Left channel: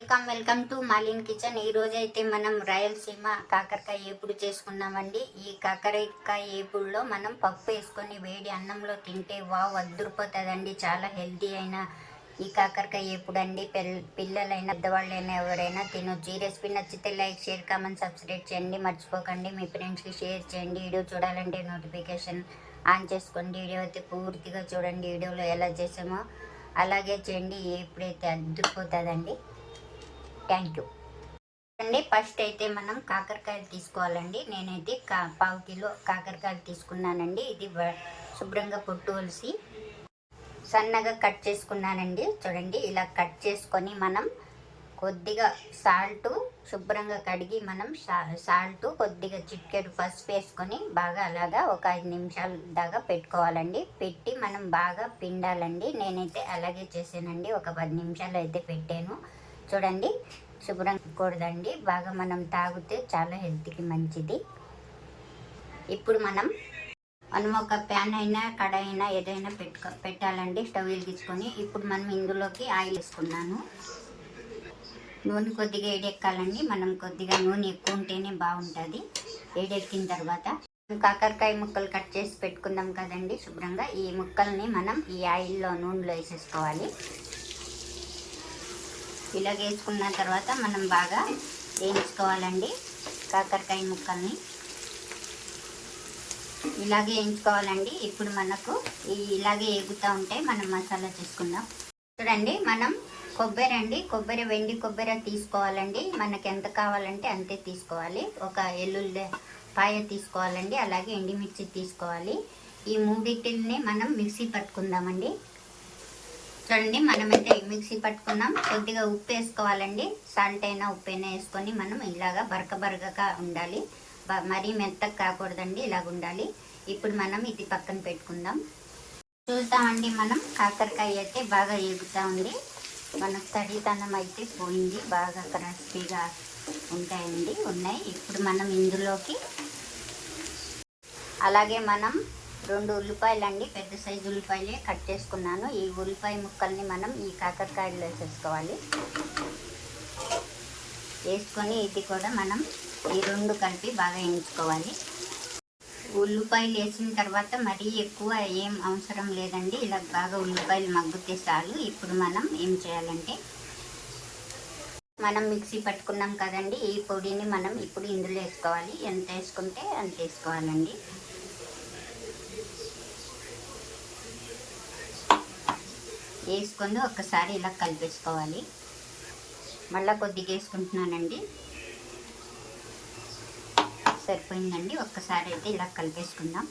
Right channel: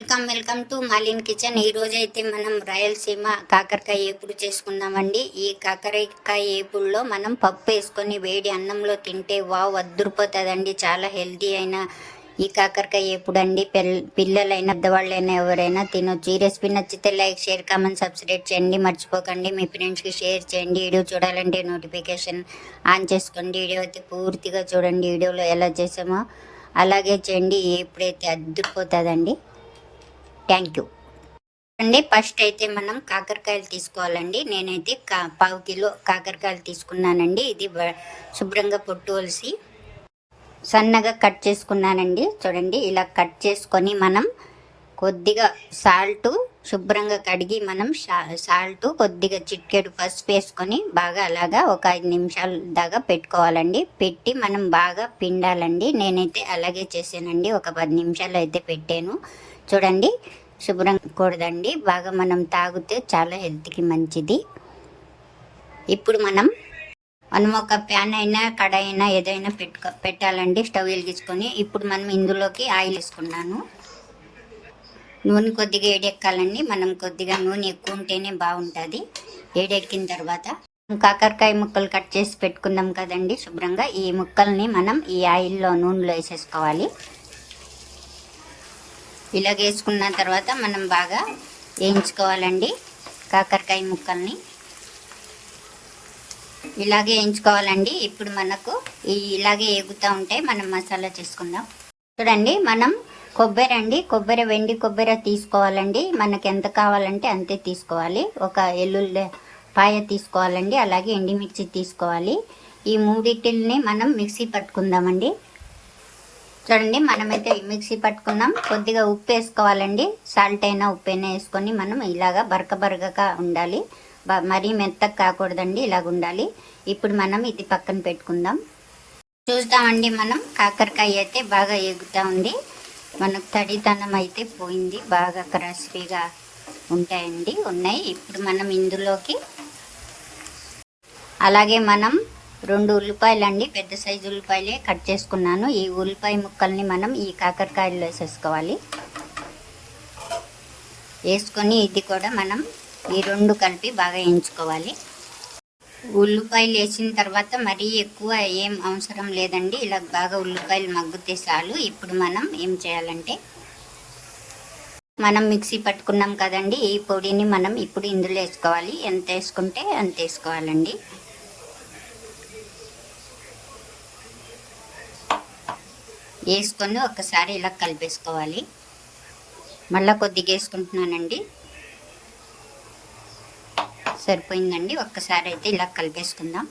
Welcome to మాలిన్ kitchen. ఈ రోజు అయితే మనం రాయలసీమ కాకరకాయ ఏపుడు చేసుకుందామండి. ఈ కాకరకాయ ఏపుడులో మనం పప్పు వేసుకొని వేడి అన్నంలో తింటే వావ్ అద్దరిపోతుందండి. చాలా హెల్తీ అయిన ఈ కాకరకాయ ఏపుడు అండి. పిల్లలైనా పెద్దవాళ్ళైనా ఎవరైనా తినొచ్చు. ఈ రెసిపీ నచ్చితే లైక్, షేర్, కామెంట్, సబ్స్క్రైబ్ చేయండి. మర్చిపోకండి మీ ఫ్రెండ్స్కి షేర్ చేయండి. వీడియో చూడాలంటే నోటిఫికేషన్ ఆన్ చేసుకోండి. వీడియో అయితే పూర్తిగా చూడండి. వీడియోలో ఎలా చేసామో అలాగే చేయండి. ఎప్పుడైతే అద్దరిపోతుందండి. థ్యాంక్ యూ అండి. ఫస్ట్ అయితే మనం కాకరకాయలు తీసుకోవాలండి. నేనైతే పావు కిలో కాకరకాయలు తీసుకున్నానండి. ఇది శుభ్రంగా పొట్టు వలిసి సన్నగా కట్ చేసుకున్నానండి. చూడండి, ఇలా కట్ చేసుకొని మనం కొద్దిగా సాల్ట్ శుభ్రంగా కడిగి మనం సాల్ట్ కొద్దిగా చిటికెడు పసుపు వేసుకొని బాగా అలాగా ఒక 5 నిమిషాల దాకా పెట్టుకోవాలండి. పెట్టి మనం బాగా పిండాలండి. నేనైతే అలాగే చేసానండి. ఒక 10 నిమిషాలు అయితే పెట్టాను. చూడండి, శుభ్రం కూడదండి. బాగా మనం తాగితే చాలా హెల్త్కి మంచిది. ఇప్పుడు మనం ఒక ప్యాన్ అయినా కడాయి అయినా ఏదైనా పెట్టాలండి. స్టవ్ వెలిగించుకొని ఇప్పుడు మనం ఇందులోకి ఆయిల్ వేసుకున్నాను. నూనె కొద్దిగా ఏడెక్కాలండి. మనం కొద్దిగా నూనె ఎక్కువ ఉంటేనే బాగుంటుంది. ఏడెక్కిన తర్వాత కాకరకాయ ముక్కలు కట్ చేసి పెట్టుకున్నాం కదండి శుభ్రంగా. ఈ ముక్కల్ని మనం ఈ ఆయిల్లో నూనెలో వేసేసుకోవాలి. ఇలా వేసుకున్న తర్వాత మనం బాగా వేయించుకోవాలండి. కాకరకాయ ముక్కల్ని ఇలాగే వేయించుకోవాలండి. ఇప్పుడు మనకు ఇలాగే ఎగుతూ ఉంటాయి. మనం మసాలా చేసుకుందాం. చూడండి, మనం కొబ్బరి వెండి కొబ్బరి తీసుకోవాలండి. మనకి ఎంత కావాలంటే అంతే తీసుకోవాలి. ఒక ఎల్లుల్లిపాయ తీసుకోవాలండి. అలాగే ఎండుమిర్చి తీసుకోవాలి. ఈ మూడింటిని మనం మిక్సీ పట్టుకుందామండి. చూడండి, మనమైతే మిక్సీ పట్టుకున్నాం. కొద్దిగా ఉప్పు వేసుకోవాలండి. సాల్ట్ అయినా ఉప్పు అయినా వేసుకొని మనం ఇలాగా బరకగా ఉండాలి. మరీ మెత్తగా కాకూడదండి, ఇలాగ ఉండాలి. ఇప్పుడు మనం ఇది పక్కన పెట్టుకుందాం. చూస్తామండి, మనం కాకరకాయ అయితే బాగా ఎగుతూ ఉంది. మనకు తడితనం అయితే పోయింది. బాగా క్రిస్పీగా ఉన్నాయి. ఇప్పుడు మనం ఇందులోకి అలాగే మనం 2 ఉల్లిపాయలు అండి, పెద్ద సైజు ఉల్లిపాయలే కట్ చేసుకున్నాను. ఈ ఉల్లిపాయ ముక్కల్ని మనం ఈ కాకరకాయలు వేసేసుకోవాలి. వేసుకొని ఇది కూడా మనం ఈ 2 కలిపి బాగా వేయించుకోవాలి. ఉల్లిపాయలు వేసిన తర్వాత మరీ ఎక్కువ ఏం అవసరం లేదండి. ఇలా బాగా ఉల్లిపాయలు మగ్గితే చాలు. ఇప్పుడు మనం ఏం చేయాలంటే మనం మిక్సీ పట్టుకున్నాం కదండి, ఈ పొడిని మనం ఇప్పుడు ఇందులో వేసుకోవాలి. ఎంత వేసుకుంటే అంత వేసుకోవాలండి. వేసుకొని ఒకసారి ఇలా కలిపేసుకోవాలి. మళ్ళీ కొద్దిగా వేసుకుంటున్నానండి. సరిపోయిందండి. ఒక్కసారి అయితే ఇలా కలిపేసుకుందాం.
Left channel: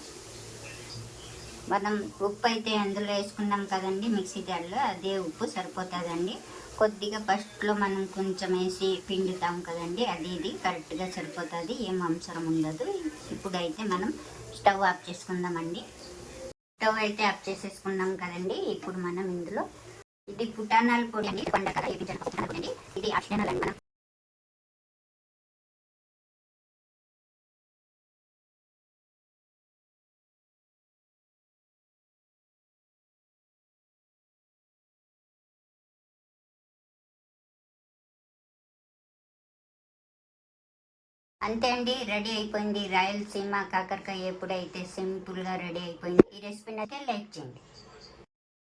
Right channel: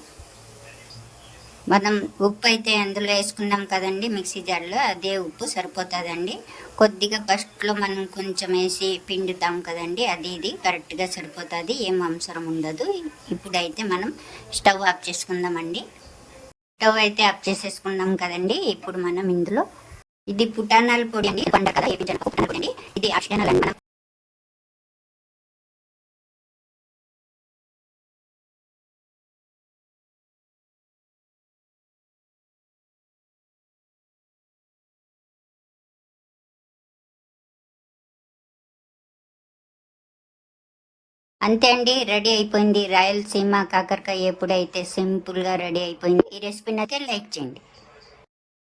మనం ఉప్పు అయితే అందులో వేసుకున్నాం కదండి మిక్సీ జార్లో, అదే ఉప్పు సరిపోతుందండి. కొద్దిగా ఫస్ట్లో మనం కొంచెం వేసి పిండుతాం కదండి, అది ఇది కరెక్ట్గా సరిపోతుంది. ఏం అవసరం ఉండదు. ఇప్పుడైతే మనం స్టవ్ ఆఫ్ చేసుకుందామండి. స్టవ్ అయితే ఆఫ్ చేసేసుకున్నాం కదండి. ఇప్పుడు మనం ఇందులో ఇది పుటానాల పొడి అండి. పండ కదా ఏపీ జనప పుటానాల పొడి అండి. ఇది ఆప్షనల్ అండి. మనం అంతే అండి, రెడీ అయిపోయింది. రాయలసీమ కాకరకాయ ఎప్పుడైతే సింపుల్గా రెడీ అయిపోయింది. ఈ రెసిపీని అయితే లైక్ చేయండి.